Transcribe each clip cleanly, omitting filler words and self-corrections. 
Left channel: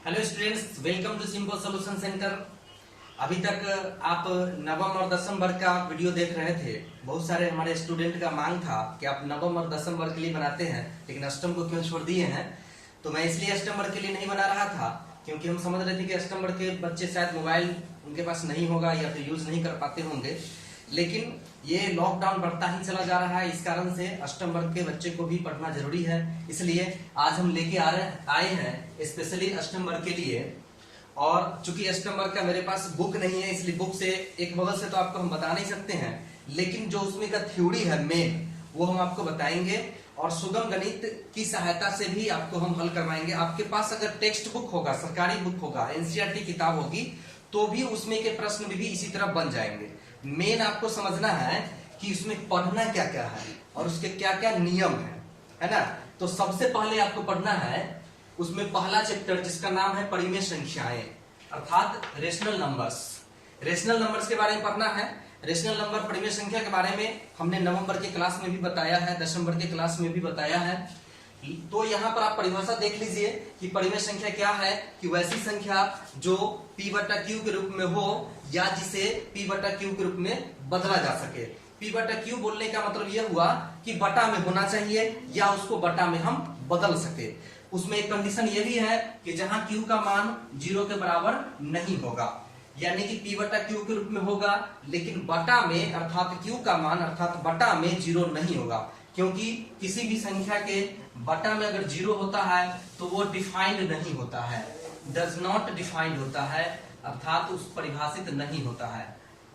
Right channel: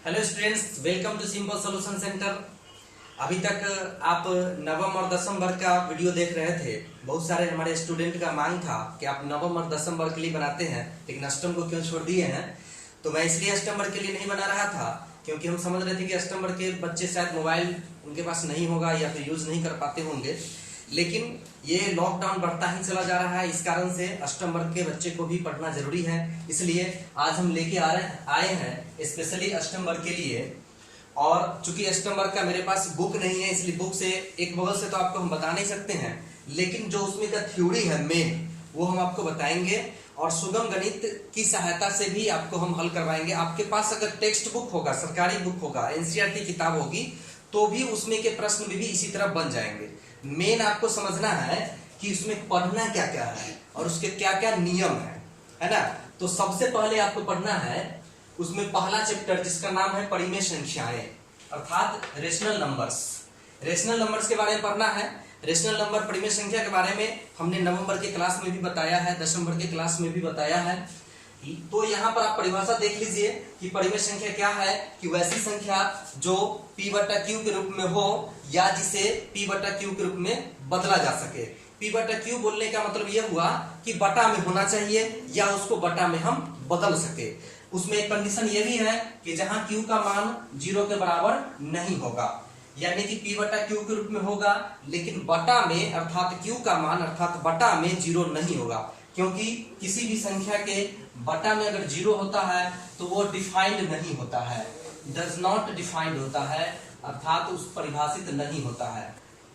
Hello students, welcome to Simple Solution Centre. अभी तक आप नवम और दसम वर्ग का वीडियो देख रहे थे। बहुत सारे हमारे स्टूडेंट का मांग था कि आप नवम और दसम वर्ग के लिए बनाते हैं, लेकिन अष्टम को क्यों छोड़ दिए हैं। तो मैं इसलिए अष्टम वर्ग के लिए नहीं बना रहा था, क्योंकि हम समझ रहे थे कि अष्टम वर्ग के बच्चे शायद मोबाइल उनके पास नहीं होगा या फिर यूज नहीं कर पाते होंगे। लेकिन ये लॉकडाउन बढ़ता ही चला जा रहा है, इस कारण से अष्टम वर्ग के बच्चे को भी पढ़ना जरूरी है। इसलिए आज हम लेके आए हैं स्पेशली अष्टम वर्ग के लिए। और चूंकि अष्टम वर्ग का मेरे पास बुक नहीं है, इसलिए बुक से एक बगल से तो आपको हम बता नहीं सकते हैं, लेकिन जो उसमें का थ्योरी है मेन, वो हम आपको बताएंगे और सुगम गणित की सहायता से भी आपको हम हल करवाएंगे। आपके पास अगर टेक्स्ट बुक होगा, सरकारी बुक होगा, एनसीईआरटी किताब होगी, तो भी उसमें के प्रश्न भी इसी तरह बन जाएंगे। मेन आपको समझना है कि उसमें पढ़ना क्या क्या है और उसके क्या क्या नियम है ना। तो सबसे पहले आपको पढ़ना है उसमें पहला चैप्टर, जिसका नाम है परिमेय संख्याएं, अर्थात रेशनल नंबर्स। रेशनल नंबर्स के बारे में पढ़ना है। रेशनल नंबर, परिमेय संख्या के बारे में हमने नवंबर के क्लास में भी बताया है, दिसंबर के क्लास में भी बताया है। तो यहाँ पर आप परिभाषा देख लीजिए कि परिमेय संख्या क्या है कि वैसी संख्या जो p बटा क्यू के रूप में हो या जिसे p बटा क्यू के रूप में बदला जा सके। p बटा क्यू बोलने का मतलब यह हुआ कि बटा में होना चाहिए या उसको बटा में हम बदल सके। उसमें एक कंडीशन ये भी है कि जहां q का मान 0 के बराबर नहीं होगा, यानी कि p बटा क्यू के रूप में होगा, लेकिन बटा में अर्थात q का मान अर्थात बटा में 0 नहीं होगा। क्योंकि किसी भी संख्या के बटा में अगर 0 होता है तो वो डिफाइंड नहीं होता है, डज नॉट डिफाइंड होता है, अर्थात उस परिभाषित नहीं होता है,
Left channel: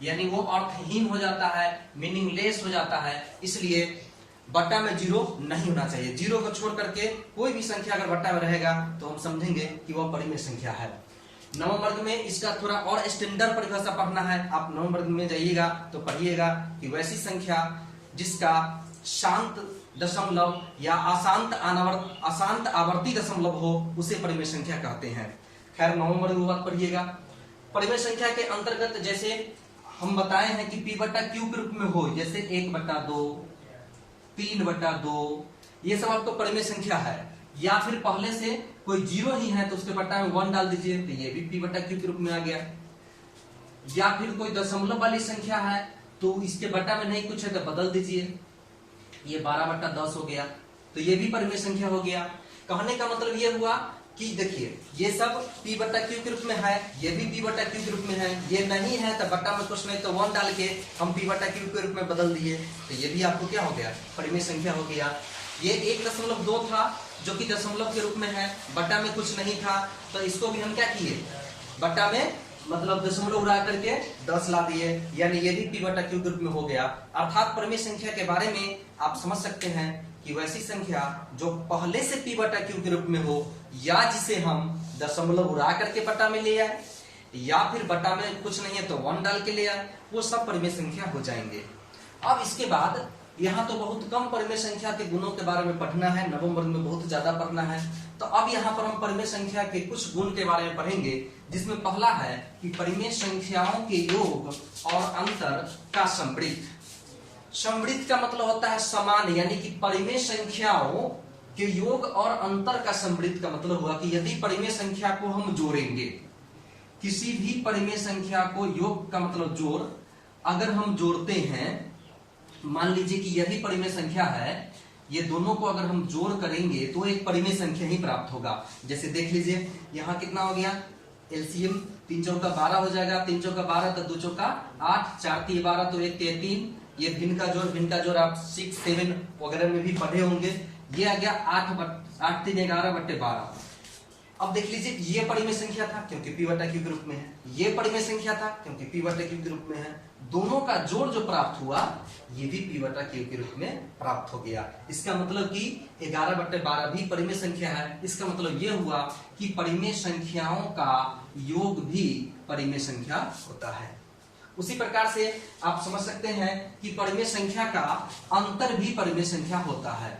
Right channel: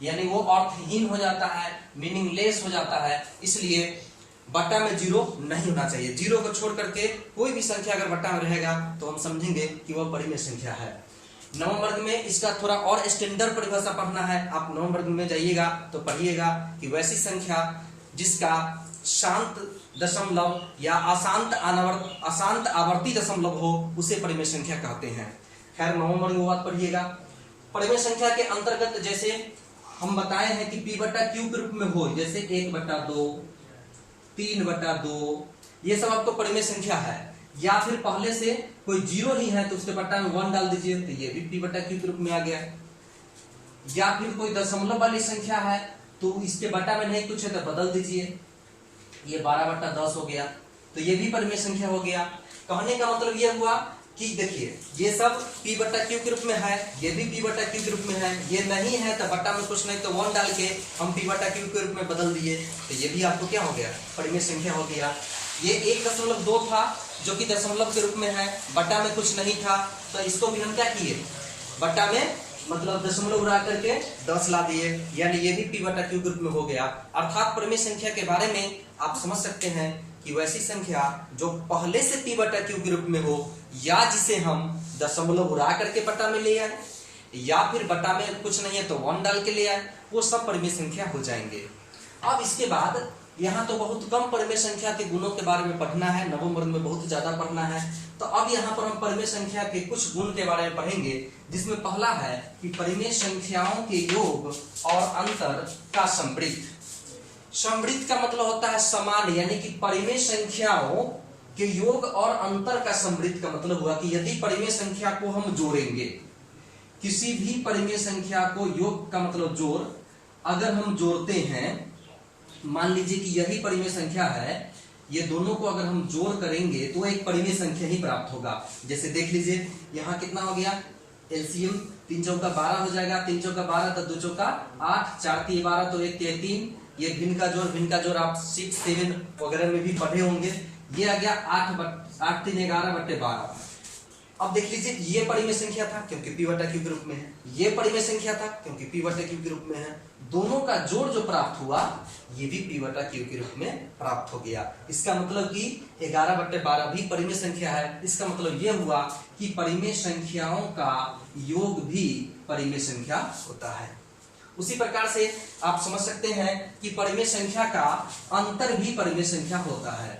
यानी वो अर्थहीन हो जाता है, मीनिंगलेस हो जाता है। इसलिए बटा में 0 नहीं होना चाहिए। 0 को छोड़ करके कोई भी संख्या अगर बटा में रहेगा तो हम समझेंगे कि वह परिमेय संख्या है। नवम वर्ग में इसका थोड़ा और स्टैंडर्ड परिभाषा पढ़ना है। आप नवम वर्ग में जाइएगा तो पढ़िएगा कि वैसी संख्या जिसका शांत दशमलव या अशांत आवर्ती दशमलव हो, उसे परिमेय संख्या कहते हैं। खैर, नवम वर्ग में बात पढ़िएगा। परिमेय संख्या के अंतर्गत जैसे हम बताए हैं कि p बटा क्यू के रूप में हो, जैसे 1/2, 3/2, ये सब आपको परिमेय संख्या है। या फिर पहले से कोई 0 ही है तो उसके बटा में 1 डाल दीजिए, तो ये भी p बटा क्यू के रूप में आ गया। या फिर कोई दशमलव वाली संख्या है तो इसके बटा में नहीं कुछ है तो बदल दीजिए, ये 12/10 हो गया, तो ये भी परिमेय संख्या हो गया। कहने का मतलब ये हुआ कि देखिए ये सब p बटा क्यू के रूप में है, ये भी p बटा क्यू के रूप में है। ये नहीं है तो बटा में कुछ नहीं तो 1 डाल के हम p बटा क्यू के रूप में बदल दिए, तो ये भी आपको क्या हो गया, परिमेय संख्या हो गया। ये 1.2 था जो कि दशमलव के रूप में है, बटा में कुछ नहीं था, तो इसको भी हम क्या किए, बटा में मतलब दशमलव उड़ा करके 10 ला दिए, यानी ये भी p बटा क्यू के रूप में हो गया। अर्थात परिमेय संख्या के बारे में आप समझ सकते हैं कि वैसी संख्या जो पहले से p बटा क्यू के रूप में हो या जिसे हम दशमलव उड़ा करके बटा में ले आए या फिर बटा में कुछ नहीं है तो 1 डाल के ले आए, वो सब परिमेय संख्या हो जाएंगे। अब इसके बाद यहाँ तो बहुत कम परिमेय संख्या के गुणों के बारे में पढ़ना है, नवम वर्ग में बहुत ज्यादा पढ़ना है। तो अब यहाँ पर हम परिमेय संख्या के कुछ गुण के बारे में पढ़ेंगे, जिसमें पहला है कि परिमेय संख्याओं के योग और अंतर का समृद्ध। समृद्ध का मतलब होता है समान, यानी कि परिमेय संख्याओं के योग और अंतर का समृद्ध का मतलब हुआ कि यदि परिमेय संख्या को हम जोड़ेंगे, किसी भी परिमेय संख्या को, योग का मतलब जोड़, अगर हम जोड़ते हैं, मान लीजिए कि यही परिमेय संख्या है, ये दोनों को अगर हम जोड़ करेंगे तो एक परिमेय संख्या ही प्राप्त होगा। जैसे देख लीजिए यहाँ कितना हो गया, एलसीएम 3 चौका 12 हो जाएगा, 3 चौका 12 तो 2 चौका 8, 4 3 12 तो 1 3 3, ये भिन्न का जोड़ आप 6 7 वगैरह में भी पढ़े होंगे। ये आ गया 8 3 11/12। अब देख लीजिए ये परिमेय संख्या था क्योंकि p बटा क्यू के रूप में है, ये परिमेय संख्या था क्योंकि p बटा क्यू के रूप में है। दोनों का जोड़ जो प्राप्त हुआ ये भी p बटा क्यू के रूप में प्राप्त हो गया। इसका मतलब कि 11/12 भी परिमेय संख्या है। इसका मतलब ये हुआ कि परिमेय संख्याओं का योग भी परिमेय संख्या होता है। उसी प्रकार से आप समझ सकते हैं कि परिमेय संख्या का अंतर भी परिमेय संख्या होता है।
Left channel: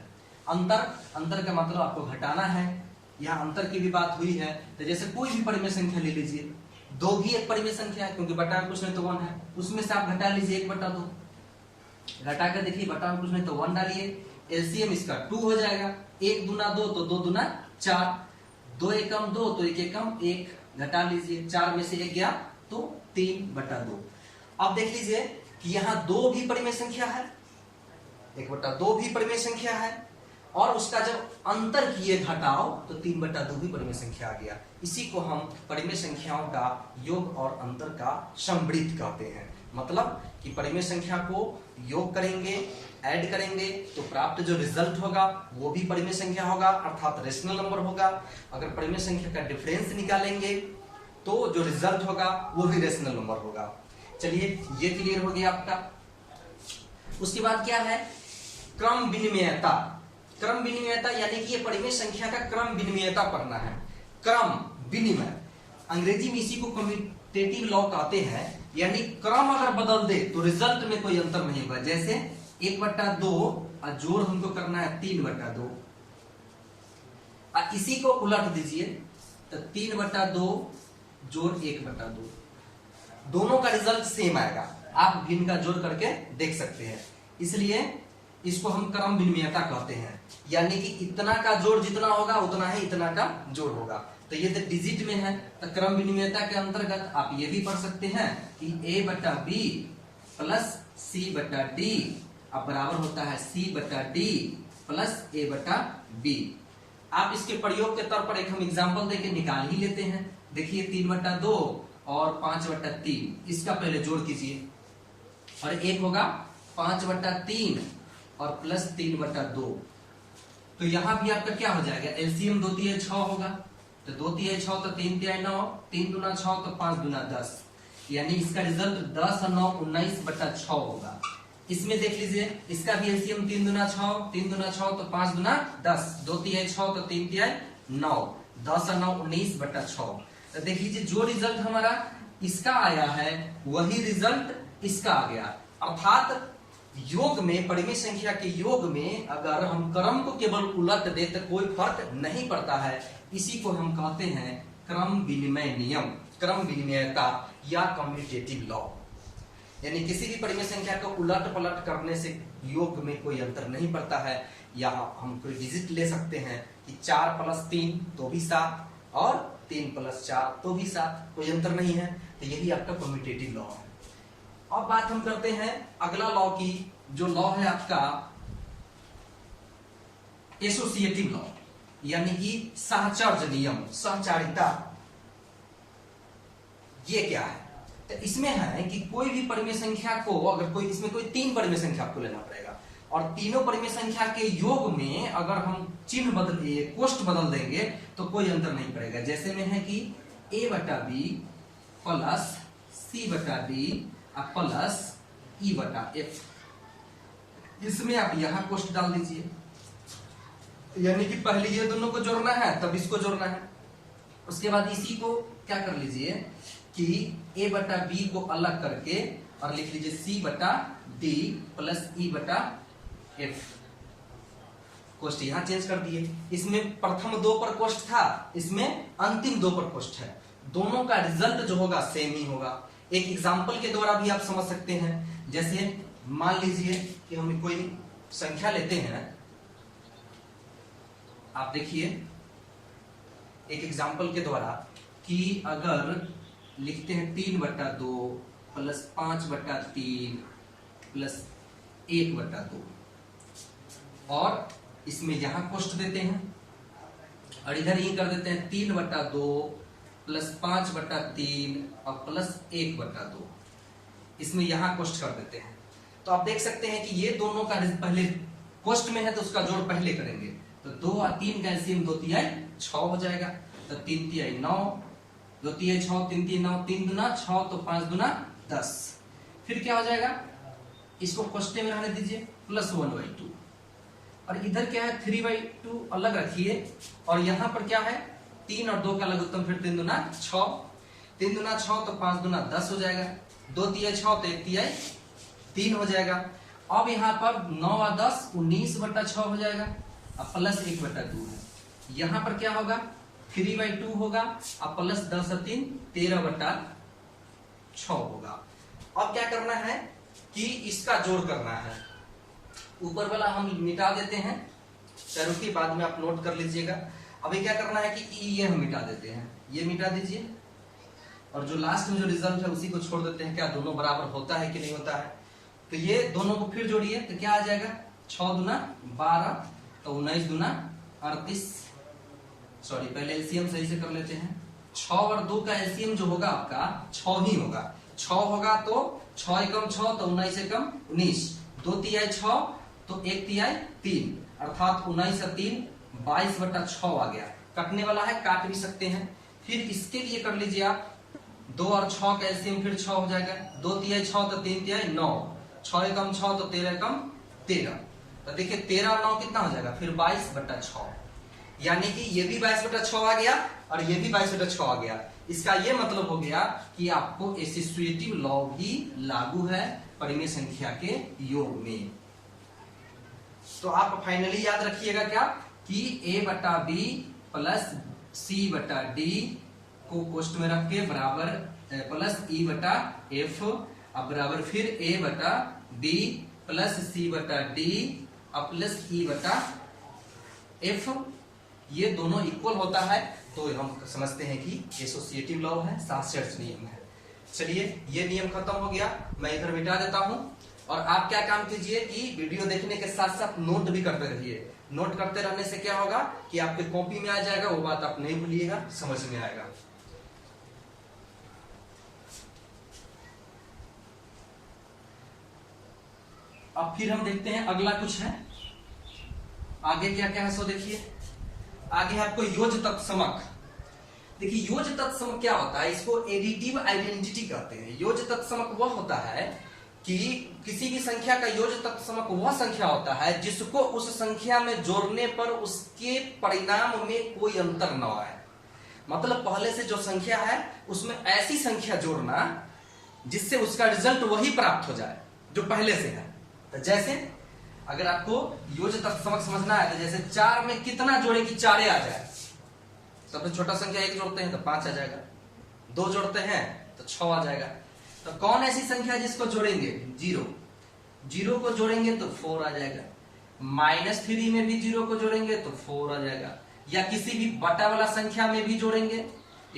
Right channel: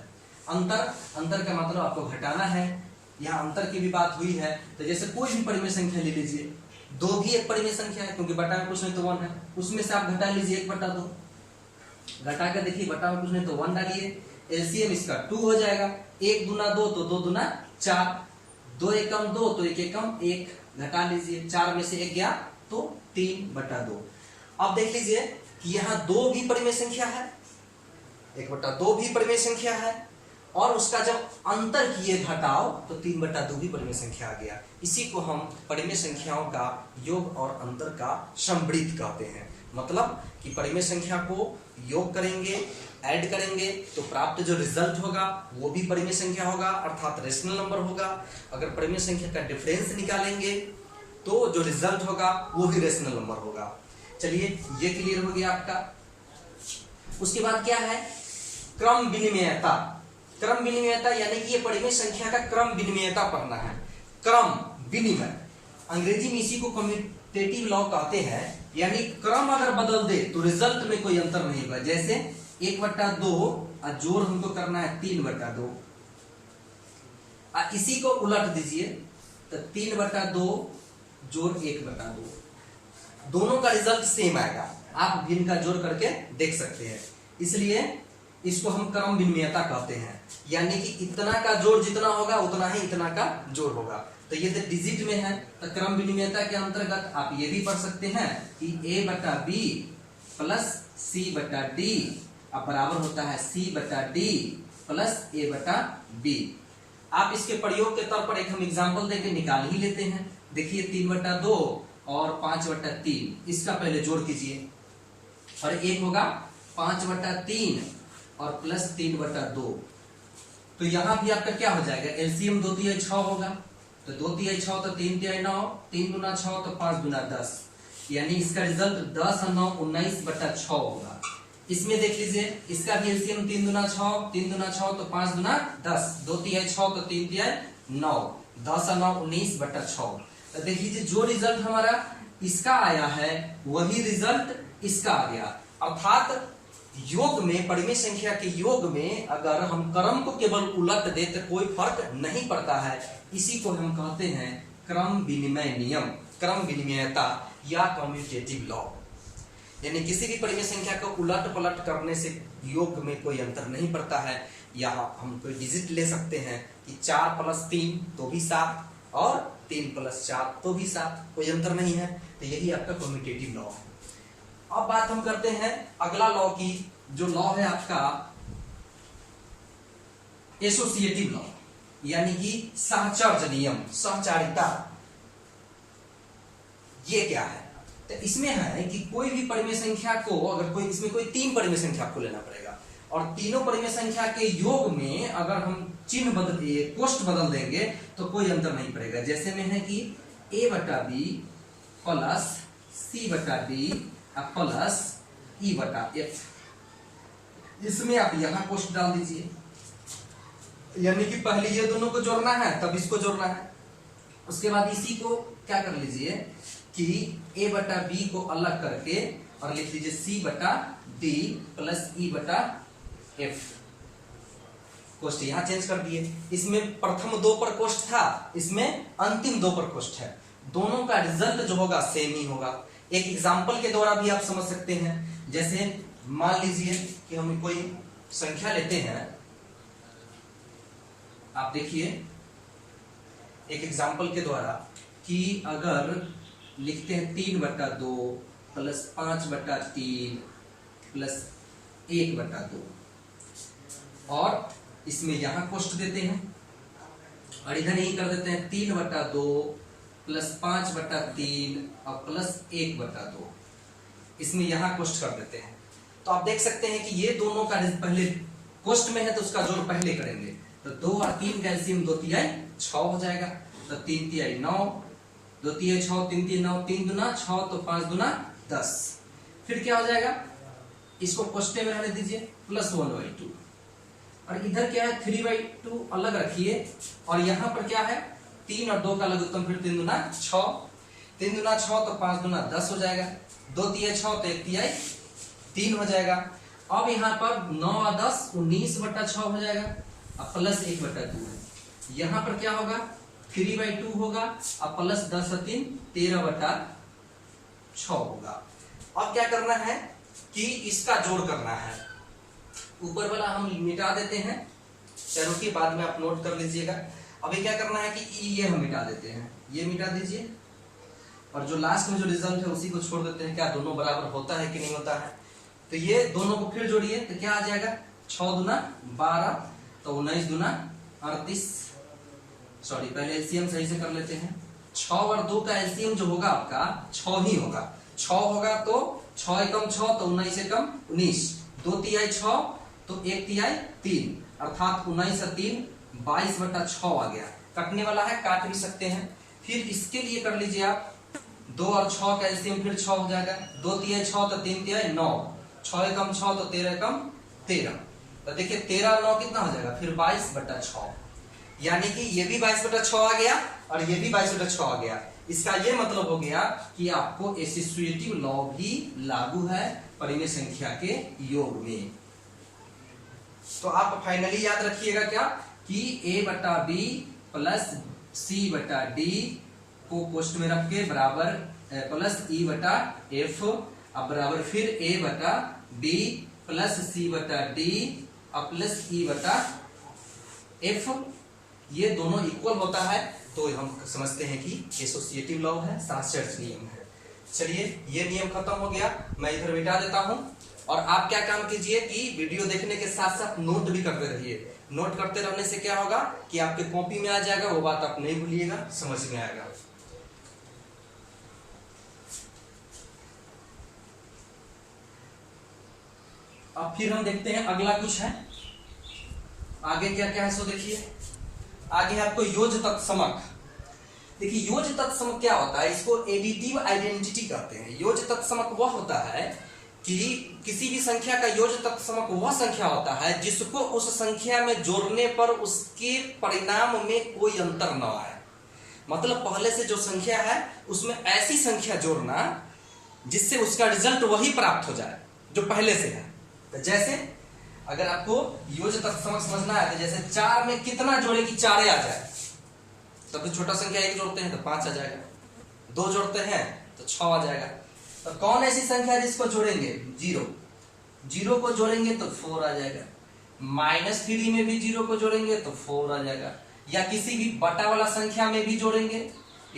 अंतर का मतलब आपको घटाना है, यहाँ अंतर की भी बात हुई है। तो जैसे कोई भी परिमेय संख्या ले लीजिए, 2 भी एक परिमेय संख्या है क्योंकि बटा में कुछ नहीं तो 1 है, उसमें से आप घटा लीजिए 1/2, घटा कर देखिए बटा में कुछ नहीं तो 1 डालिए, एलसीएम इसका 2 हो जाएगा, 1 दूना 2 तो 2 दूना 4, 2 एकम 2 तो 1 एकम 1 घटा लीजिए, 4 में से 1 गया तो 3/2। अब देख लीजिए कि यहाँ 2 भी परिमेय संख्या है, 1/2 भी परिमेय संख्या है, और उसका जब अंतर किए घटाओ तो 3/2 भी परिमेय संख्या आ गया। इसी को हम परिमेय संख्याओं का योग और अंतर का समवृत्त कहते हैं। मतलब कि परिमेय संख्या को योग करेंगे, ऐड करेंगे तो प्राप्त जो रिजल्ट होगा वो भी परिमेय संख्या होगा, अर्थात रेशनल नंबर होगा। अगर परिमेय संख्या का डिफरेंस निकालेंगे तो जो रिजल्ट होगा वो भी रेशनल नंबर होगा। चलिए ये क्लियर हो गया आपका। उसके बाद क्या है, क्रम विनिमयता। क्रम विनिमयता यानी कि ये परिमेय संख्या का क्रम विनिमयता पढ़ना है। क्रम विनिमय, अंग्रेजी में इसी को कम्यूटेटिव लॉ कहते हैं, यानी क्रम अगर बदल दे तो रिजल्ट में कोई अंतर नहीं होगा। जैसे 1/2 और जोड़ हमको करना है 3/2, इसी को उलट दीजिए तो 3/2 जोड़ 1/2, दोनों का रिजल्ट सेम आएगा। आप भी इनका जोड़ करके देख सकते हैं, इसलिए इसको हम क्रम विनिमयता कहते हैं। यानी कि इतना का जोड़ जितना होगा उतना ही इतना का जोड़ होगा। तो ये डिजिट में है, तो क्रम विनिमयता के अंतर्गत आप ये भी पढ़ सकते हैं कि A/B प्लस C/D अब बराबर होता है C/D प्लस A/B। आप इसके प्रयोग के तौर पर एक हम एग्जांपल देके निकाल ही लेते हैं। देखिए 3/2 और 5/3, इसका पहले जोड़ कीजिए, और एक होगा 5/3 और प्लस 3/2। तो यहां भी आपका क्या हो जाएगा, एलसीएम 2×3 6 होगा, तो 2×3 6 तो 3×3 9, 3×2 6 तो 5×2 10, यानी इसका रिजल्ट 10 और 9 19/6 होगा। इसमें देख लीजिए, इसका भी एलसीएम 3×2 6, 3×2 6 तो 5×2 10, 2×3 6 तो 3×3 9, 10 और 9 19/6। तो देख लीजिए जो रिजल्ट हमारा इसका आया है वही रिजल्ट इसका आ गया। अर्थात योग में, परिमेय संख्या के योग में अगर हम क्रम को केवल उलट दे तो कोई फर्क नहीं पड़ता है। इसी को हम कहते हैं क्रम विनिमय नियम, क्रम विनिमयता या कम्यूटेटिव लॉ। यानी किसी भी परिमेय संख्या को उलट पलट करने से योग में कोई अंतर नहीं पड़ता है। यहाँ हम कोई डिजिट ले सकते हैं कि 4 + 3 तो भी 7 और 3 + 4 तो भी 7, कोई अंतर नहीं है। तो यही आपका कम्यूटेटिव लॉ है। अब बात हम करते हैं अगला लॉ की, जो लॉ है आपका एसोसिएटिव लॉ, यानी कि सहचर्य नियम, सहचारिता। ये क्या है, तो इसमें है कि कोई भी परिमेय संख्या को अगर कोई, इसमें कोई 3 परिमेय संख्या आपको लेना पड़ेगा, और तीनों परिमेय संख्या के योग में अगर हम चिन्ह बदल, कोष्ठ बदल देंगे तो कोई अंतर नहीं पड़ेगा। जैसे में है कि A/B plus C/D plus E/F, इसमें आप यहां कोष्ठ डाल दीजिए, यानी कि पहले ये दोनों को जोड़ना है तब इसको जोड़ना है। उसके बाद इसी को क्या कर लीजिए कि A/B को अलग करके और लिख लीजिए C/D प्लस E/F। कोष्ठ यहां चेंज कर दिए। इसमें प्रथम 2 पर कोष्ठ था, इसमें अंतिम 2 पर कोष्ठ है। दोनों का रिजल्ट जो होगा सेम ही होगा। एक एग्जाम्पल के द्वारा भी आप समझ सकते हैं। जैसे मान लीजिए कि हम कोई संख्या लेते हैं, आप देखिए एक एग्जाम्पल के द्वारा कि अगर लिखते हैं 3/2 प्लस 5/3 प्लस 1/2, और इसमें यहां कोष्ठ देते हैं और इधर यही कर देते हैं 3/2 प्लस 5/3 और प्लस 1/2, इसमें यहां कोष्ठ कर देते हैं। तो आप देख सकते हैं कि ये दोनों का पहले कोष्ठ में है तो उसका जोड़ पहले करेंगे, तो 2 और 3 का एलसीएम 2×3 6 हो जाएगा, तो 3×3 9, 2×3 6, 3×3 9, 3×2 6 तो 5×2 10। फिर क्या हो जाएगा, इसको कोष्ठ में रहने दीजिए प्लस 1/2, और इधर क्या है 3/2 अलग रखिए, और यहां पर क्या है 3 और 2 का लघुत्तम, फिर 3×2 6, 3×2 6 तो 5×2 10 हो जाएगा, 2×3 6 तो 1×3 3 हो जाएगा। अब यहाँ पर 9 और 10 19/6 हो जाएगा, अब प्लस 1/2 है। यहाँ पर क्या होगा 3/2 होगा, अब प्लस 10 और 3 13/6 होगा। अब क्या करना है कि इसका जोड़ करना है। ऊपर वाला हम मिटा देते हैं, रुकिए बाद में आप नोट कर लीजिएगा। अभी क्या करना है कि ये हम मिटा देते हैं, ये मिटा दीजिए और जो लास्ट में जो रिजल्ट है उसी को छोड़ देते हैं। क्या दोनों बराबर होता है कि नहीं होता है? तो ये दोनों को फिर जोड़िए तो क्या आ जाएगा, 6 दूना 12, तो 19 दूना 38। सॉरी, पहले एलसीएम सही से कर लेते हैं। 6 और 2 का एलसीएम जो होगा आपका 6 ही होगा। 6 होगा तो 6 एकम 6 तो 19 एकम 19, 2 तिहाई 6 तो 1 तिहाई 3, अर्थात 19 से 3 22/6 आ गया। कटने वाला है, काट भी सकते हैं। फिर इसके लिए कर लीजिए आप 2 और 6 का एलसीएम फिर 6 हो जाएगा। 2 तिहाई 6 तो 3 तिहाई 9, 6 एकम 6 तो 13 एकम 13, तो देखिए 13 और 9 कितना हो जाएगा फिर 22/6, यानी कि ये भी 22/6 आ गया और ये भी 22/6 आ गया। इसका ये मतलब हो गया कि आपको एसोसिएटिव लॉ भी लागू है परिमेय संख्या के योग में। तो आप फाइनली याद रखिएगा क्या कि a/b प्लस c/d को कोष्ठ में रख के बराबर प्लस e/f, अब बराबर फिर a/b प्लस c/d अब प्लस e/f, ये दोनों इक्वल होता है तो हम समझते हैं कि एसोसिएटिव लॉ है, सासेट्स नियम है। चलिए ये नियम खत्म हो गया, मैं इधर मिटा देता हूं। और आप क्या काम कीजिए कि वीडियो देखने के साथ साथ नोट भी करते रहिए। नोट करते रहने से क्या होगा कि आपके कॉपी में आ जाएगा, वो बात आप नहीं भूलिएगा, समझ में आएगा। अब फिर हम देखते हैं अगला कुछ है, आगे क्या क्या है सो देखिए। आगे आपको योज तत्समक। देखिए योज तत्समक क्या होता है, इसको एडिटिव आइडेंटिटी कहते हैं। योज तत्समक वह होता है कि किसी भी संख्या का योज तत्समक वह संख्या होता है जिसको उस संख्या में जोड़ने पर उसके परिणाम में कोई अंतर न आए। मतलब पहले से जो संख्या है उसमें ऐसी संख्या जोड़ना जिससे उसका रिजल्ट वही प्राप्त हो जाए जो पहले से है। तो जैसे अगर आपको योज तत्समक समझना है तो जैसे 4 में कितना जोड़े कि 4 आ जाए, तो छोटा संख्या 1 जोड़ते हैं तो 5 आ जाएगा, 2 जोड़ते हैं तो 6 आ जाएगा। तो कौन ऐसी संख्या जिसको जोड़ेंगे 0, 0 को जोड़ेंगे तो 4 आ जाएगा, -3 में भी 0 को जोड़ेंगे तो 4 आ जाएगा, या किसी भी बटा वाला संख्या में भी जोड़ेंगे,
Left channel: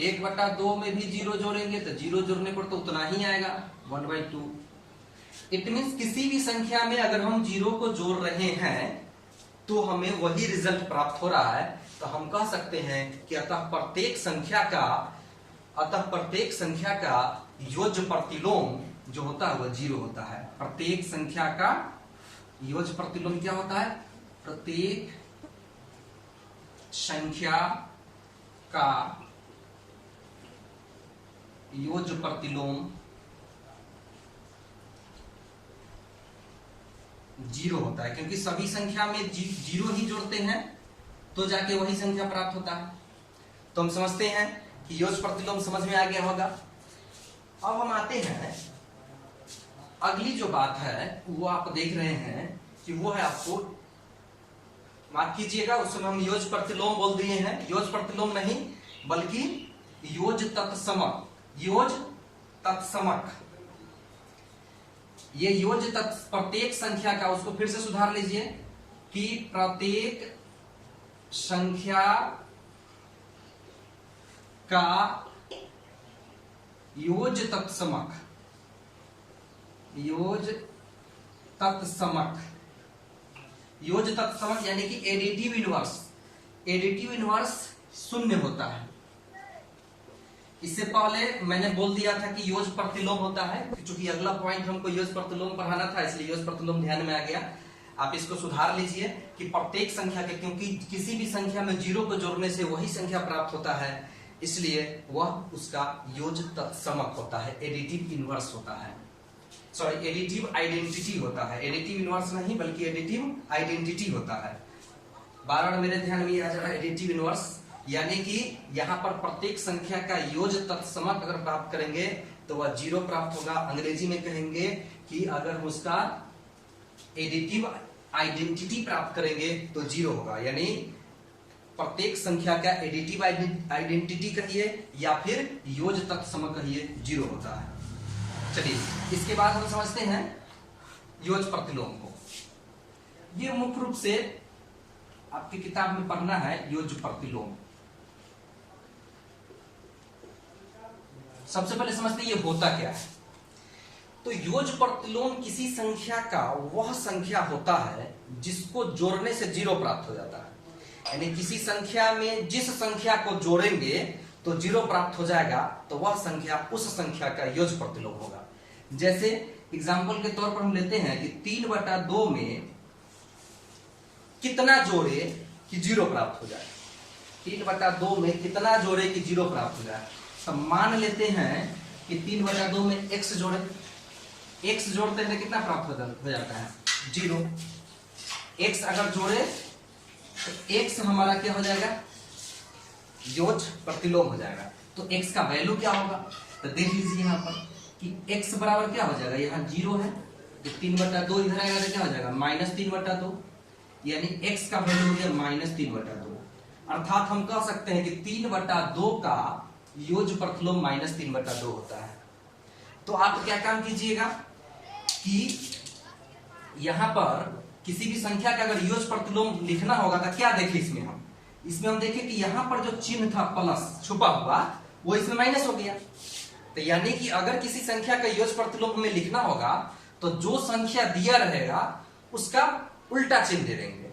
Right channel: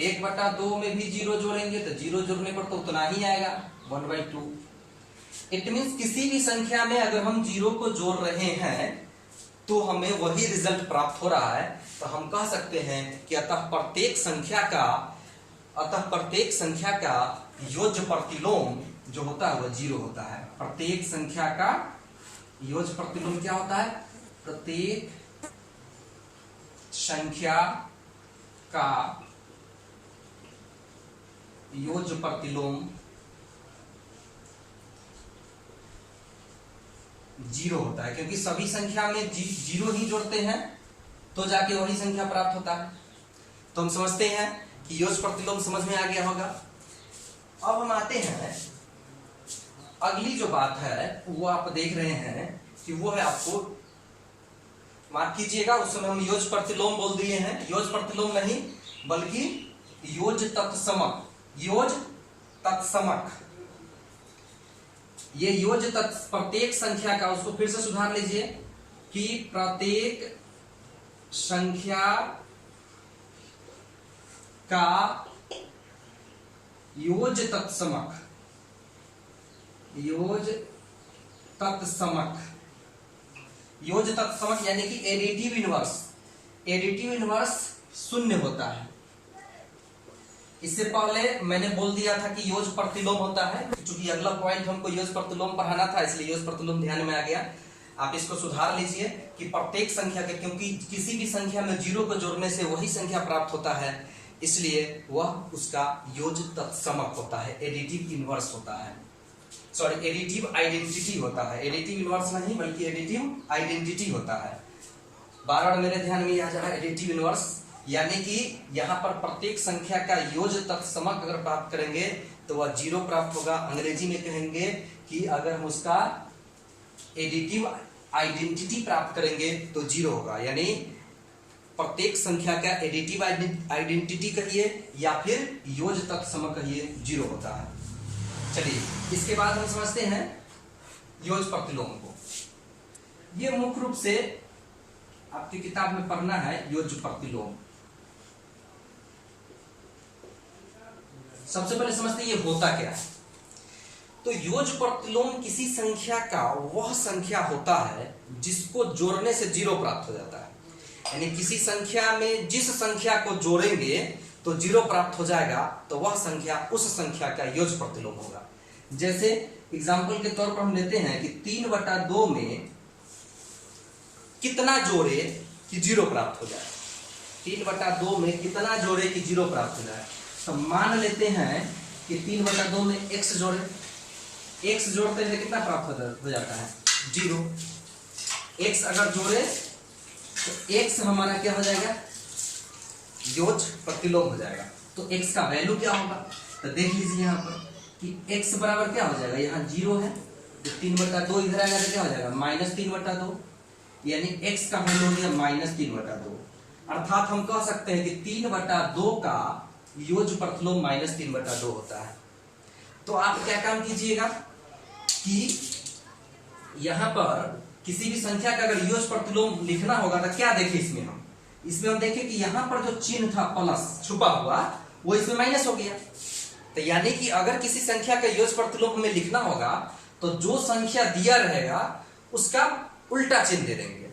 1/2 में भी 0 जोड़ेंगे तो 0 जोड़ने पर तो उतना ही आएगा 1/2। इट मीन्स किसी भी संख्या में अगर हम 0 को जोड़ रहे हैं तो हमें वही रिजल्ट प्राप्त हो रहा है। तो हम कह सकते हैं कि अतः प्रत्येक संख्या का योज्य प्रतिलोम जो होता है वह 0 होता है। प्रत्येक संख्या का योज्य प्रतिलोम क्या होता है, प्रत्येक संख्या का योज्य प्रतिलोम 0 होता है, क्योंकि सभी संख्या में 0 ही जोड़ते हैं तो जाके वही संख्या प्राप्त होता है। तो हम समझते हैं कि योज्य प्रतिलोम समझ में आ गया होगा। अब हम आते हैं अगली जो बात है वो आप देख रहे हैं कि वो है, आपको माफ कीजिएगा उस समय हम योज्य प्रतिलोम बोल दिए हैं, योज्य प्रतिलोम नहीं बल्कि योज्य तत्समक। योज्य तत्समक, ये योज्य प्रत्येक संख्या का, उसको फिर से सुधार लीजिए कि प्रत्येक संख्या का योज्य तत्समक, योज्य तत्समक, योज्य तत्समक यानी कि एडिटिव इनवर्स। एडिटिव इनवर्स 0 होता है। इससे पहले मैंने बोल दिया था कि योज्य प्रतिलोम होता है, क्योंकि अगला पॉइंट हमको योज्य प्रतिलोम पढ़ाना था इसलिए योज्य प्रतिलोम ध्यान में आ गया। आप इसको सुधार लीजिए कि प्रत्येक संख्या के, क्योंकि किसी भी संख्या में 0 को जोड़ने से वही संख्या प्राप्त होता है, इसलिए वह उसका योज्य तत्समक होता है, एडिटिव इनवर्स होता है, सॉरी एडिटिव आइडेंटिटी होता है। एडिटिव इनवर्स नहीं बल्कि एडिटिव आइडेंटिटी होता है। बार-बार मेरे ध्यान में आ जा रहा है एडिटिव इनवर्स, यानी कि यहां पर प्रत्येक संख्या का योज्य तत्समक अगर प्राप्त करेंगे तो वह 0 प्राप्त होगा। अंग्रेजी में कहेंगे कि अगर हम उसका एडिटिव आइडेंटिटी प्राप्त करेंगे तो 0 होगा, यानी प्रत्येक संख्या का एडिटिव आइडेंटिटी कहिए या फिर योज्य तत्समक कहिए, 0 होता है। चलिए इसके बाद हम समझते हैं योज्य प्रतिलोम को। ये मुख्य रूप से आपकी किताब में पढ़ना है योज्य प्रतिलोम। सबसे पहले समझते हैं ये होता क्या है। तो योज्य प्रतिलोम किसी संख्या का वह संख्या होता है जिसको जोड़ने से 0 प्राप्त हो जाता है। यानी किसी संख्या में जिस संख्या को जोड़ेंगे तो 0 प्राप्त हो जाएगा, तो वह संख्या उस संख्या का योज्य प्रतिलोम होगा। जैसे एग्जाम्पल के तौर पर हम लेते हैं कि 3/2 में कितना जोड़े कि 0 प्राप्त हो जाए। 3/2 में कितना जोड़े कि 0 प्राप्त हो जाए। तो मान लेते हैं कि 3/2 में x जोड़े, x जोड़ते हैं कितना प्राप्त हो जाता है 0। x अगर जोड़े तो x हमारा क्या हो जाएगा, योज्य प्रतिलोम हो जाएगा। तो x का वैल्यू क्या होगा, तो देख लीजिए यहाँ पर कि x बराबर क्या हो जाएगा, यहाँ 0 है तो 3/2 इधर आएगा तो क्या हो जाएगा -3/2, यानी x का वैल्यू हो गया -3/2। अर्थात हम कह सकते हैं कि 3/2 का योज्य प्रतिलोम -3/2 होता है। तो आप क्या काम कीजिएगा कि यहां पर किसी भी संख्या का अगर योज्य प्रतिलोम लिखना होगा तो क्या देखें इसमें हम देखें कि यहां पर जो चिन्ह था प्लस छुपा हुआ वो इसमें माइनस हो गया। तो यानी कि अगर किसी संख्या का योज्य प्रतिलोम हमें लिखना होगा तो जो संख्या दिया रहेगा उसका उल्टा चिन्ह दे देंगे।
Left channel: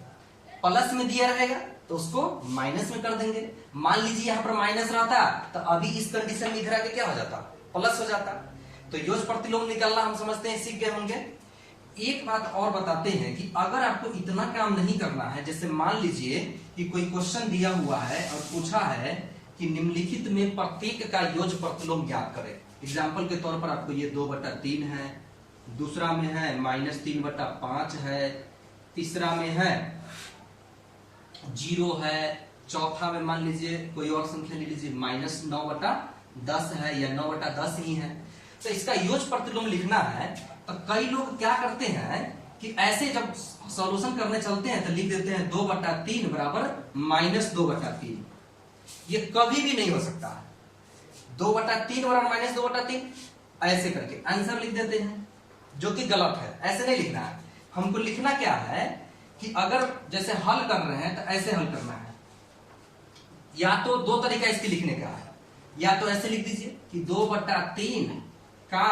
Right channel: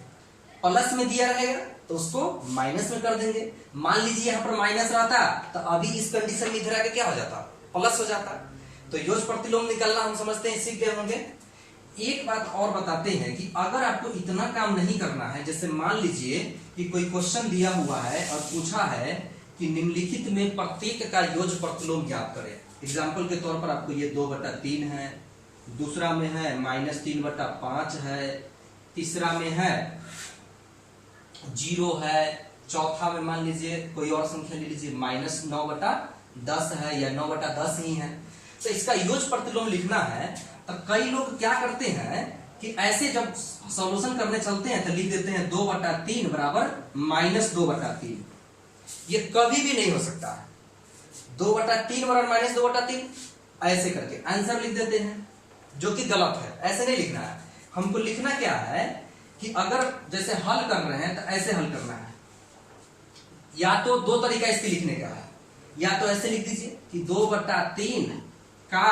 प्लस में दिया रहेगा तो उसको माइनस में कर देंगे। मान लीजिए यहां पर माइनस रहता तो अभी इस कंडीशन में इधर आके क्या हो जाता, प्लस हो जाता। तो योज्य प्रतिलोम निकालना हम समझते हैं सीख गए होंगे। एक बात और बताते हैं कि अगर आपको इतना काम नहीं करना है, जैसे मान लीजिए कि कोई क्वेश्चन दिया हुआ है और पूछा है कि निम्नलिखित में प्रत्येक का योज्य प्रतिलोम ज्ञात करें। एग्जाम्पल के तौर पर आपको ये 2/3 है, दूसरा में है -3/5 है, तीसरा में है 0 है, चौथा में मान लीजिए कोई और संख्या ले लीजिए -9/10 है या 9/10 ही है। तो इसका योज्य प्रतिलोम लिखना है तो कई लोग क्या करते हैं कि ऐसे जब सॉल्यूशन करने चलते हैं तो लिख देते हैं 2/3 बराबर -2/3। ये कभी भी नहीं हो सकता है। 2/3 बराबर -2/3 ऐसे करके आंसर लिख देते हैं, जो कि गलत है। ऐसे नहीं लिखना है। हमको लिखना क्या है कि अगर जैसे हल कर रहे हैं तो ऐसे हल करना है। या तो दो तरीका इसके लिखने का है, या तो ऐसे लिख दीजिए कि 2/3 का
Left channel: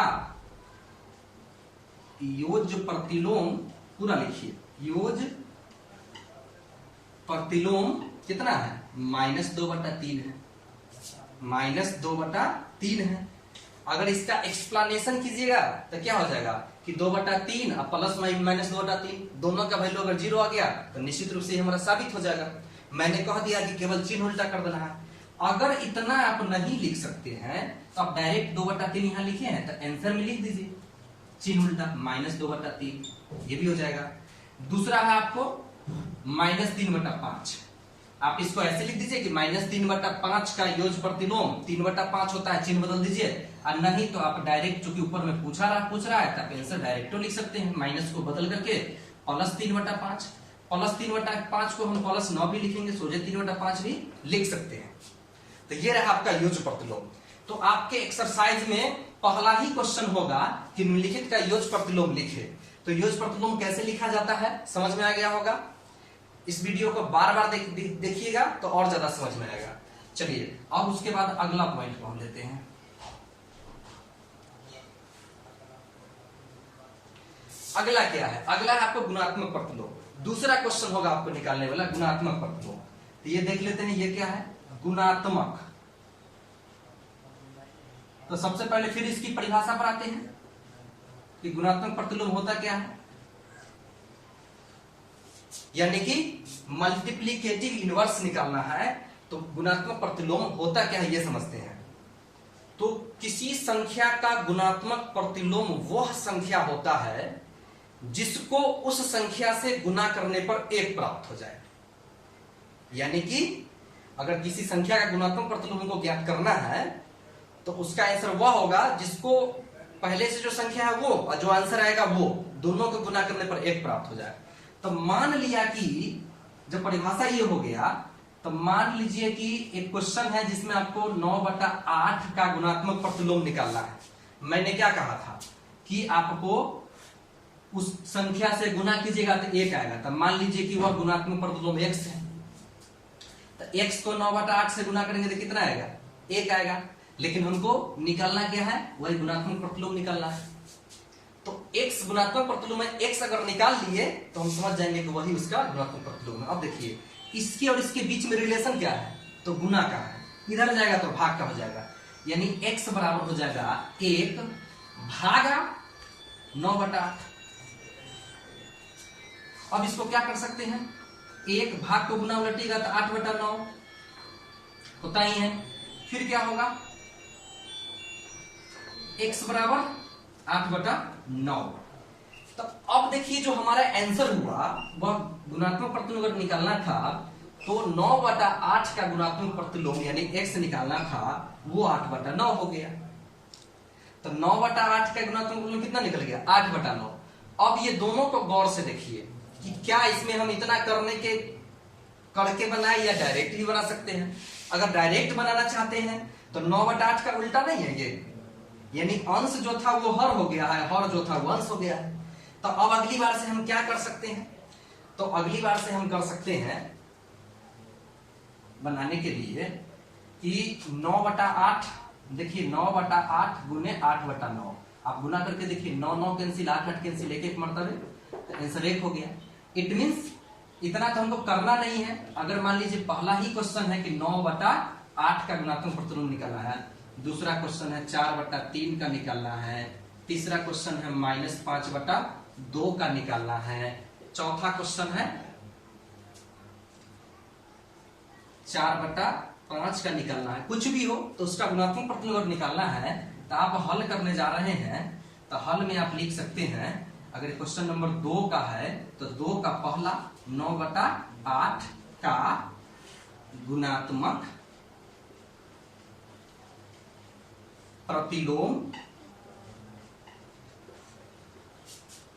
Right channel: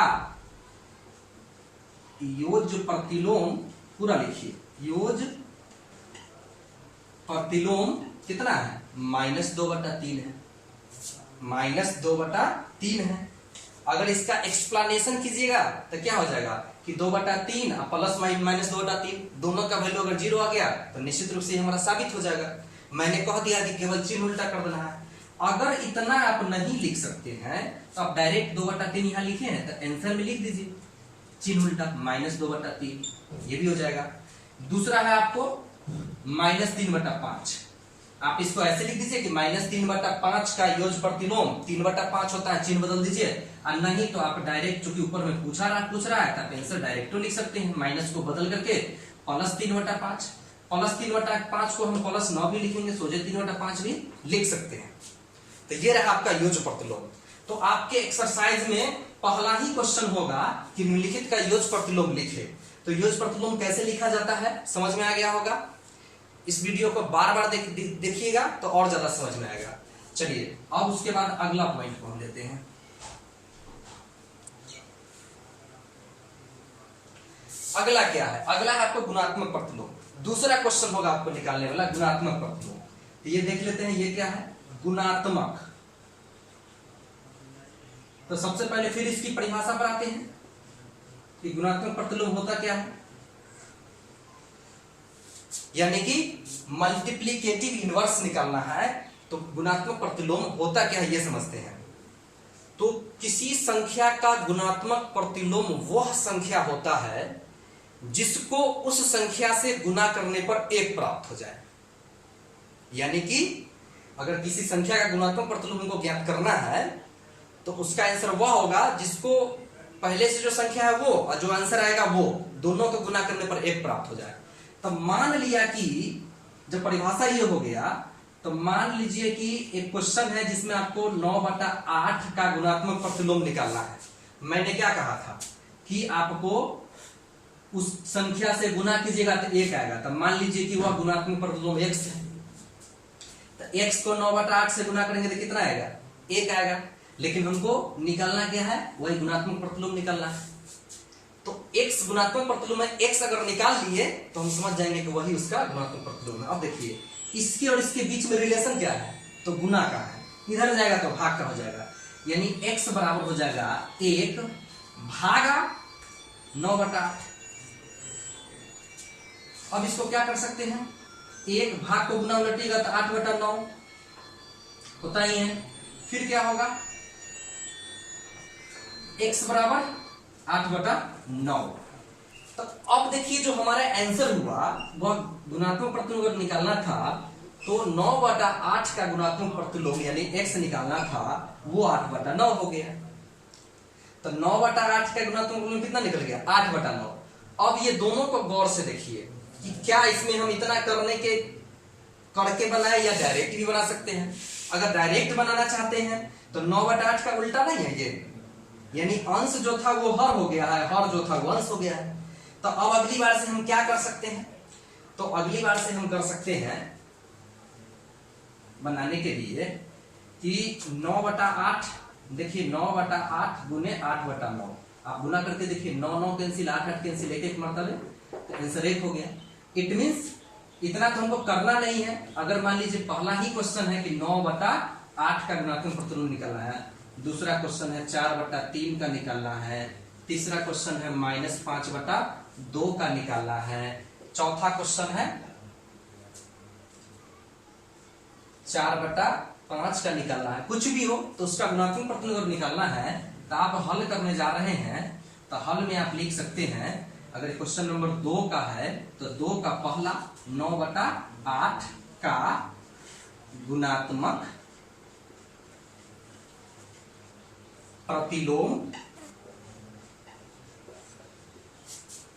योज्य प्रतिलोम, पूरा लिखिए, योज्य प्रतिलोम कितना है -2/3 है, -2/3 है। अगर इसका एक्सप्लेनेशन कीजिएगा तो क्या हो जाएगा कि 2/3 और प्लस -2/3 दोनों का वैल्यू अगर 0 आ गया तो निश्चित रूप से हमारा साबित हो जाएगा। मैंने कह दिया कि केवल चिन्ह उल्टा कर देना है। अगर इतना आप नहीं लिख सकते हैं तो आप डायरेक्ट 2/3 यहां लिखे हैं तो आंसर में लिख दीजिए चिन्ह उल्टा -2/3, ये भी हो जाएगा। दूसरा है आपको -3/5, आप इसको ऐसे लिख दीजिए कि -3/5 का योज्य प्रतिलोम 3/5 होता है, चिन्ह बदल दीजिए। और नहीं तो आप डायरेक्ट, चूंकि ऊपर में पूछ रहा है तो आप आंसर डायरेक्ट लिख सकते हैं, माइनस को बदल करके +3/5। +3/5 को हम +9 भी लिखेंगे, सोचे 3/5 भी लिख सकते हैं। तो ये रहा आपका योज्य प्रतिलोम। तो आपके एक्सरसाइज में पहला ही क्वेश्चन होगा कि निम्नलिखित का योज्य प्रतिलोम लिखे। तो योज्य प्रतिलोम कैसे लिखा जाता है समझ में आ गया होगा। इस वीडियो को बार बार देखिएगा तो और ज्यादा समझ में आएगा। चलिए अब उसके बाद अगला पॉइंट को हम लेते हैं। अगला क्या है, अगला है आपको गुणात्मक प्रतिलोम। दूसरा क्वेश्चन होगा आपको निकालने वाला गुणात्मक प्रतिलोम। तो ये देख लेते हैं ये क्या है, गुणात्मक। तो सबसे पहले फिर इसकी परिभाषा पर आते हैं कि गुणात्मक प्रतिलोम होता क्या है। यानी कि मल्टीप्लिकेटिव इनवर्स निकालना है तो गुणात्मक प्रतिलोम होता क्या है ये समझते हैं। तो किसी संख्या का गुणात्मक प्रतिलोम वह संख्या होता है जिसको उस संख्या से गुना करने पर 1 प्राप्त हो जाए। यानी कि अगर किसी संख्या का गुणात्मक प्रतिलोम हमको ज्ञात करना है तो उसका आंसर वह होगा जिसको पहले से जो संख्या है वो और जो आंसर आएगा वो दोनों को गुना करने पर 1 प्राप्त हो जाए। तो मान लिया कि जब परिभाषा ये हो गया तो मान लीजिए कि एक क्वेश्चन है जिसमें आपको 9/8 का गुणात्मक प्रतिलोम निकालना है। मैंने क्या कहा था कि आपको उस संख्या से गुना कीजिएगा तो 1 आएगा। तब मान लीजिए कि वह गुणात्मक प्रतिलोम x है, तो x को 9/8 से गुना करेंगे तो कितना आएगा? 1 आएगा। लेकिन हमको निकालना क्या है? वही गुणात्मक प्रतिलोम निकालना है। तो x गुणात्मक प्रतिलोम है, x अगर निकाल लिए तो हम समझ जाएंगे कि वही उसका गुणात्मक प्रतिलोम है। अब देखिए इसके और इसके बीच में रिलेशन क्या है? तो गुना का है, इधर जाएगा तो भाग का हो जाएगा, यानी x बराबर हो जाएगा 1 भागा 9/8। अब इसको क्या कर सकते हैं? 1 भाग को गुना उलटिएगा तो 8/9 होता ही है। फिर क्या होगा? x बराबर 8/9। तो अब देखिए जो हमारा आंसर हुआ वह गुणात्मक प्रतिलोम अगर निकालना था तो 9/8 का गुणात्मक प्रतिलोम यानी x निकालना था, वो 8/9 हो गया। तो 9/8 का गुणात्मक प्रतिलोम कितना निकल गया? 8/9। अब ये दोनों को गौर से देखिए कि क्या इसमें हम इतना करके बनाए या डायरेक्ट भी बना सकते हैं। अगर डायरेक्ट बनाना चाहते हैं तो 9/8 का उल्टा नहीं है ये, यानी अंश जो था वो हर हो गया है, हर जो था वो अंश हो गया है। तो अब अगली बार से हम क्या कर सकते हैं? तो अगली बार से हम कर सकते हैं बनाने के लिए कि 9/8, देखिए 9/8 गुने 8/9 आप गुना करके देखिए, 9 9 कैंसिल, 8 8 कैंसिल, एक मरतबे, तो आंसर 1 हो गया। इट मींस इतना तो हमको करना नहीं है। अगर मान लीजिए पहला ही क्वेश्चन है कि 9/8 का गुणात्मक प्रतिलोम निकालना है, दूसरा क्वेश्चन है 4/3 का निकालना है, तीसरा क्वेश्चन है -5/2 का निकालना है, चौथा क्वेश्चन है 4/5 का निकालना है, कुछ भी हो तो उसका गुणात्मक प्रतिलोम निकालना है तो आप हल करने जा रहे हैं। तो हल में आप लिख सकते हैं, अगर क्वेश्चन नंबर 2 का है तो 2 का पहला 9/8 का गुणात्मक प्रतिलोम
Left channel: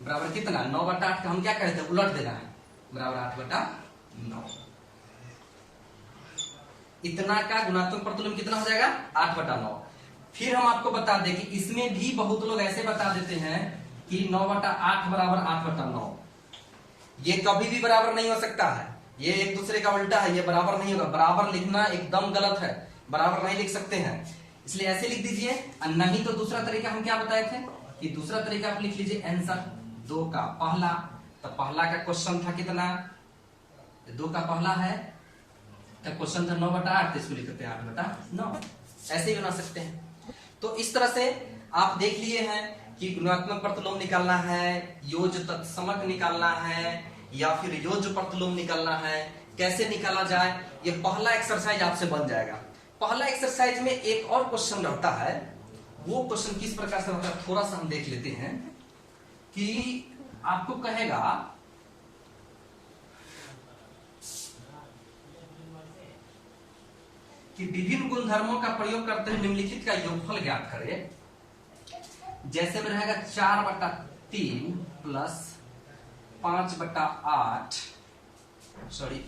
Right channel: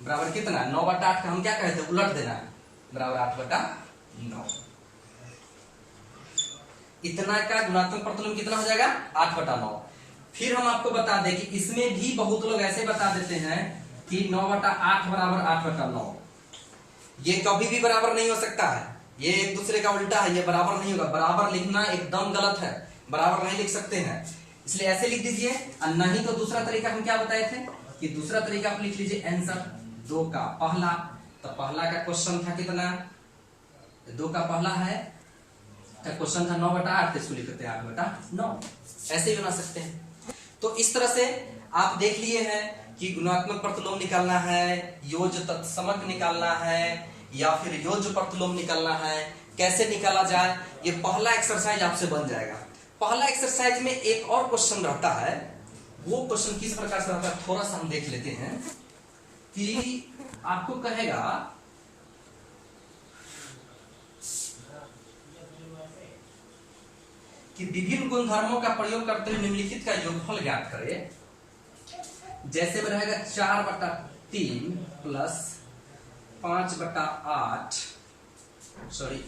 बराबर कितना? 9/8 का हम क्या कहते हैं? उलट देना है, बराबर 8/9। इतना का गुणात्मक प्रतिलोम कितना हो जाएगा? 8/9। फिर हम आपको बता दें कि इसमें भी बहुत लोग ऐसे बता देते हैं कि 9/8 बराबर 8/9। ये कभी भी बराबर नहीं हो सकता है, ये एक दूसरे का उल्टा है, ये बराबर नहीं होगा। बराबर लिखना एकदम गलत है, बराबर नहीं लिख सकते हैं, इसलिए ऐसे लिख दीजिए। और नहीं तो दूसरा तरीका हम क्या बताए थे कि दूसरा तरीका आप लिख लीजिए आंसर 2 का पहला। तो पहला का क्वेश्चन था कितना? 2 का पहला है तो क्वेश्चन था 9/8, तो इसको लिखते हैं 8/9, ऐसे ही बना सकते हैं। तो इस तरह से आप देख लिए हैं कि गुणात्मक प्रतिलोम निकालना है, योज्य तत्समक निकालना है, या फिर योज्य प्रतिलोम निकालना है, कैसे निकाला जाए। ये पहला एक्सरसाइज आपसे बन जाएगा। पहला एक्सरसाइज में एक और क्वेश्चन रहता है, वो क्वेश्चन किस प्रकार से रहता है थोड़ा सा हम देख लेते हैं। कि आपको कहेगा कि विभिन्न गुणधर्मों का प्रयोग करते हुए निम्नलिखित का योगफल ज्ञात करें। जैसे में रहेगा 4/3 प्लस 5/8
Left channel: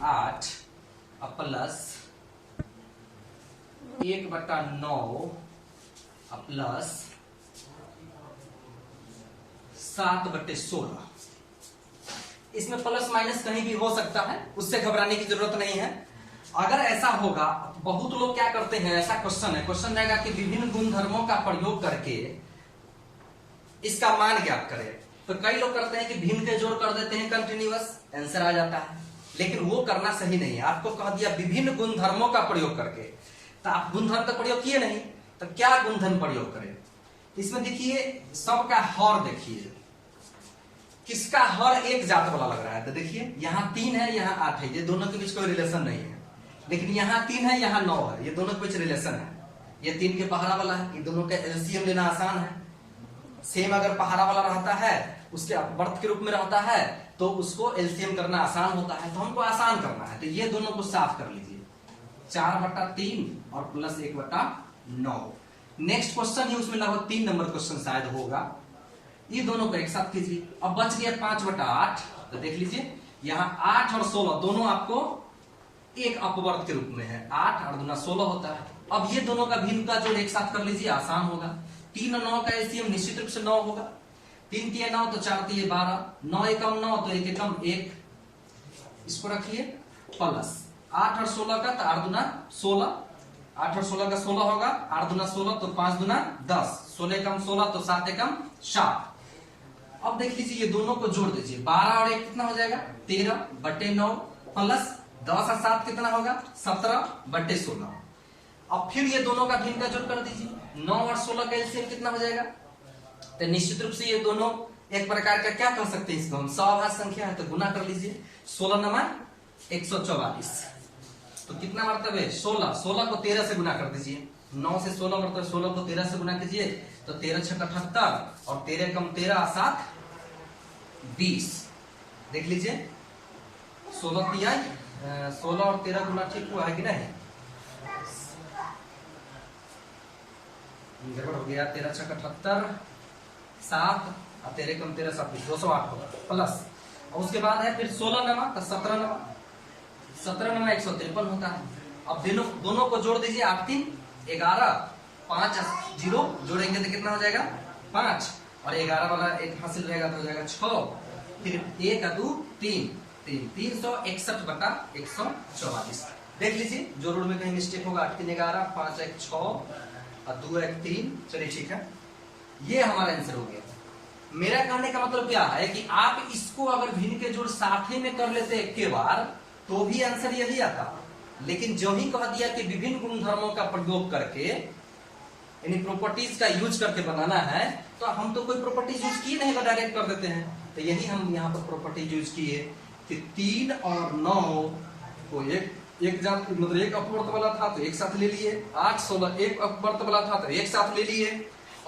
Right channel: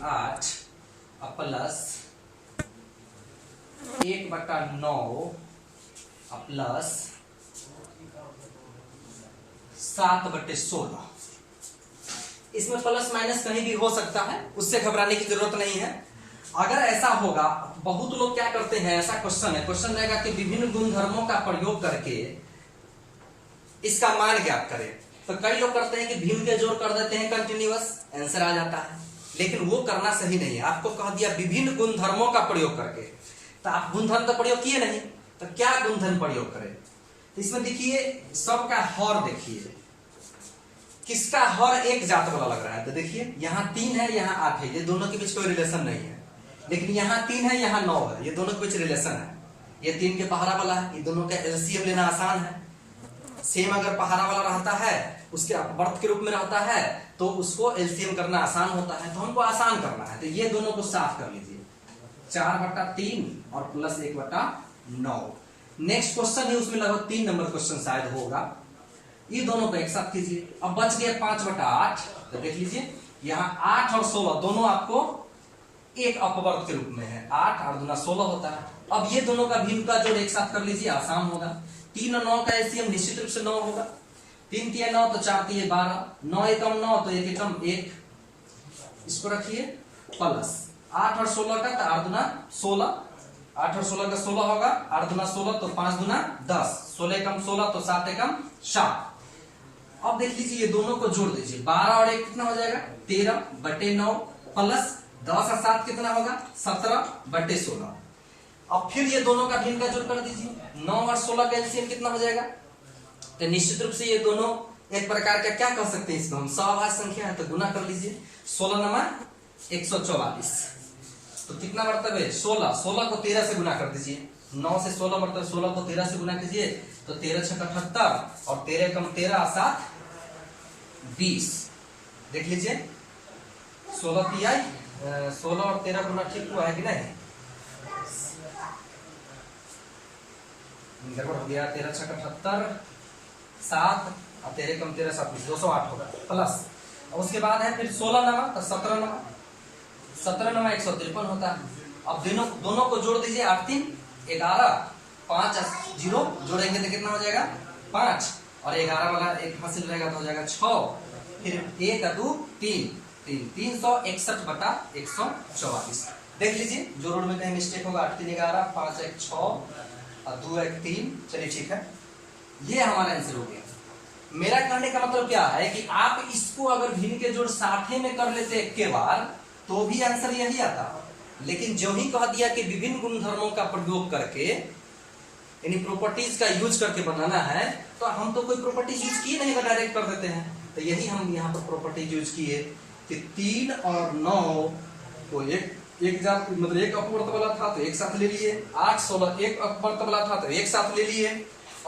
8 प्लस 1/9 प्लस 7/16। इसमें प्लस माइनस कहीं भी हो सकता है, उससे घबराने की जरूरत नहीं है। अगर ऐसा होगा, बहुत लोग क्या करते हैं, ऐसा क्वेश्चन है, क्वेश्चन रहेगा कि विभिन्न गुणधर्मों का प्रयोग करके इसका मान ज्ञात करें। तो कई लोग करते हैं कि भिन्न के जोड़ कर देते हैं कंटिन्यूअस, आंसर आ जाता है, लेकिन वो करना सही नहीं है। आपको कह दिया विभिन्न गुणधर्मों का प्रयोग करके, तो आप गुणधर्म का प्रयोग किए नहीं, तो क्या गुणधर्म प्रयोग करें। इसमें देखिए सबका हर, देखिए किसका हर एक जात वाला लग रहा है। तो देखिए यहाँ 3 है, यहाँ 8 है, ये दोनों के बीच कोई रिलेशन नहीं है। लेकिन यहाँ 3 है, यहाँ 9 है, ये दोनों के बीच रिलेशन है। ये 3 के पहाड़ा वाला है, ये दोनों का एलसीएम लेना आसान है। सेम अगर पहाड़ा वाला रहता है, उसके अपवर्त के रूप में रहता है, तो उसको एलसीएम करना आसान होता है। तो हमको आसान करना है, तो ये दोनों को साफ कर लीजिए, 4/3 और प्लस 1/9। नेक्स्ट क्वेश्चन है, उसमें लगभग 3 नंबर क्वेश्चन शायद होगा। ये दोनों को एक साथ कीजिए। अब बच गया 5/8, तो देख लीजिए यहाँ 8 और 16 दोनों आपको एक अपवर्त के रूप में है, 8 और 2 16 होता है। अब ये दोनों का भिन्न का जोड़ एक साथ कर लीजिए, आसान होगा। 3 और 9 का एलसीएम निश्चित रूप से 9 होगा। 3 तिया 9 तो 4 तिया 12, 9 एकम 9 तो 1 एकम 1, इसको रखिए प्लस 8 और 16 का तो 8 दूना 16, 8 और 16 का 16 होगा, 8 दूना 16 तो 5 दूना 10, 16 एकम 16 तो 7 एकम 7। अब देख लीजिए ये दोनों को जोड़ दीजिए, 12 और 1 कितना हो जाएगा 13 बटे 9 प्लस 10 और 7 कितना होगा 17 बटे 16। अब फिर ये दोनों का भिन्न का जोड़ कर दीजिए, 9 और 16 का एलसीएम कितना हो जाएगा, तो निश्चित रूप से ये दोनों एक प्रकार का क्या कह सकते हैं, इसको हम सौभाज्य संख्या है तो गुना कर लीजिए, 16 नमा 144, तो कितना मरतब है 16, 16 को 13 से गुना कर दीजिए, 9 से 16 मरतब 16 को 13 से गुना कीजिए तो 13 छक्का 78 और 13 कम 13 7 20। देख लीजिए 16 तिया 16 और 13 गुना ठीक हुआ है कि नहीं, गड़बड़ हो गया, 13 छक्का 78 7 और 13 कम 13 7 208 होगा प्लस। और उसके बाद है फिर 16 नमा तो 17 नमा, 17 नमा 153 होता है। अब दोनों को जोड़ दीजिए, 8 3 11, 5 0 जोड़ेंगे तो कितना हो जाएगा 5 और 11 वाला एक हासिल रहेगा तो हो जाएगा 6, फिर 1 2 3 361 बटा 144। देख लीजिए जोड़ में कहीं मिस्टेक होगा, 8 3 11, 5 1 6 और 2 1 3, चलिए ठीक है, ये हमारा आंसर हो गया। मेरा कहने का मतलब क्या है कि आप इसको अगर भिन्न के जोड़ साथे में कर लेते एक के बार तो भी आंसर यही आता, लेकिन जो ही कह दिया कि विभिन्न गुणधर्मों का प्रयोग करके यानी प्रॉपर्टीज का यूज करके बनाना है, तो हम तो कोई प्रॉपर्टीज यूज किए नहीं, डायरेक्ट कर देते हैं। तो यही हम यहाँ पर प्रॉपर्टीज यूज किए कि 3 और 9 को एक जात मतलब एक अपवर्त वाला था तो एक साथ ले लिए, 8 16 एक अपवर्त वाला था तो एक साथ ले लिए,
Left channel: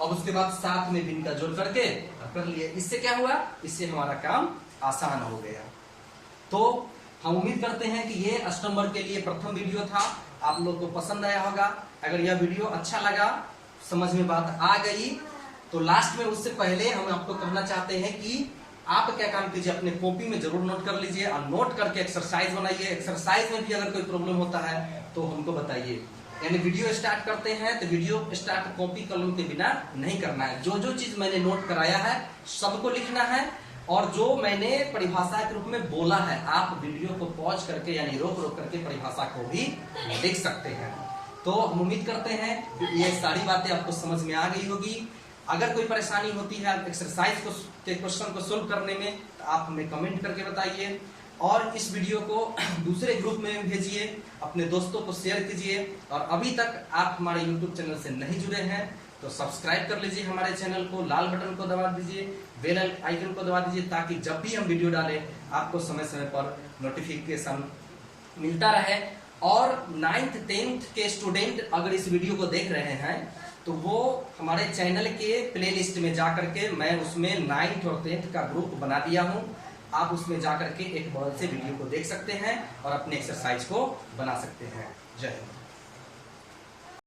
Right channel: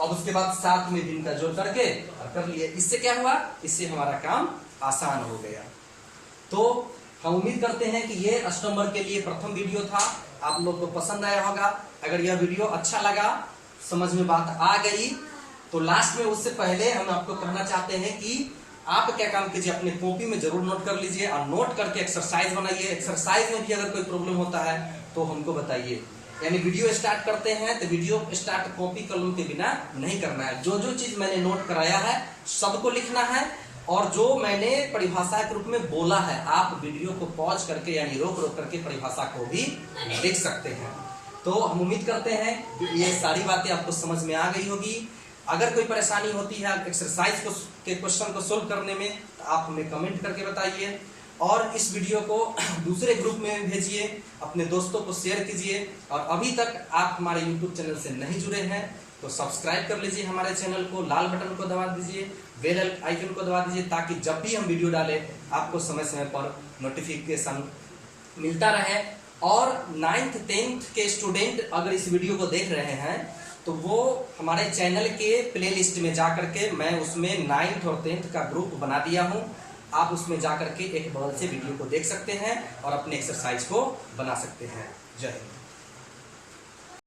अब उसके बाद 7 में भिन्न का जोड़ करके और कर लिए। इससे क्या हुआ, इससे हमारा काम आसान हो गया। तो हम उम्मीद करते हैं कि ये अष्टम वर्ग के लिए प्रथम वीडियो था, आप लोग को पसंद आया होगा। अगर यह वीडियो अच्छा लगा, समझ में बात आ गई, तो लास्ट में उससे पहले हम आपको कहना चाहते हैं कि आप क्या काम कीजिए, अपने कॉपी में जरूर नोट कर लीजिए और नोट करके एक्सरसाइज बनाइए। एक्सरसाइज में भी अगर कोई प्रॉब्लम होता है तो हमको बताइए। यानी वीडियो स्टार्ट करते हैं तो वीडियो स्टार्ट कॉपी कलम के बिना नहीं करना है। जो जो चीज मैंने नोट कराया है सबको लिखना है, और जो मैंने परिभाषा के रूप में बोला है आप वीडियो को पॉज करके यानी रोक रोक करके परिभाषा को भी लिख सकते हैं। तो हम उम्मीद करते हैं ये सारी बातें आपको समझ में आ गई होगी। अगर कोई परेशानी होती है एक्सरसाइज को के क्वेश्चन को सोल्व करने में तो आप हमें कमेंट करके बताइए, और इस वीडियो को दूसरे ग्रुप में भेजिए, अपने दोस्तों को शेयर कीजिए। और अभी तक आप हमारे YouTube चैनल से नहीं जुड़े हैं तो सब्सक्राइब कर लीजिए हमारे चैनल को, लाल बटन को दबा दीजिए, बेल आइकन को दबा दीजिए, ताकि जब भी हम वीडियो डालें आपको समय समय पर नोटिफिकेशन मिलता रहे। और 9th 10th के स्टूडेंट अगर इस वीडियो को देख रहे हैं तो वो हमारे चैनल के प्लेलिस्ट में जाकर के मैं उसमें 9th और 10th का ग्रुप बना दिया हूं, आप उसमें जाकर के एक बगल से वीडियो को देख सकते हैं और अपने एक्सरसाइज को बना सकते हैं। जय हिंद।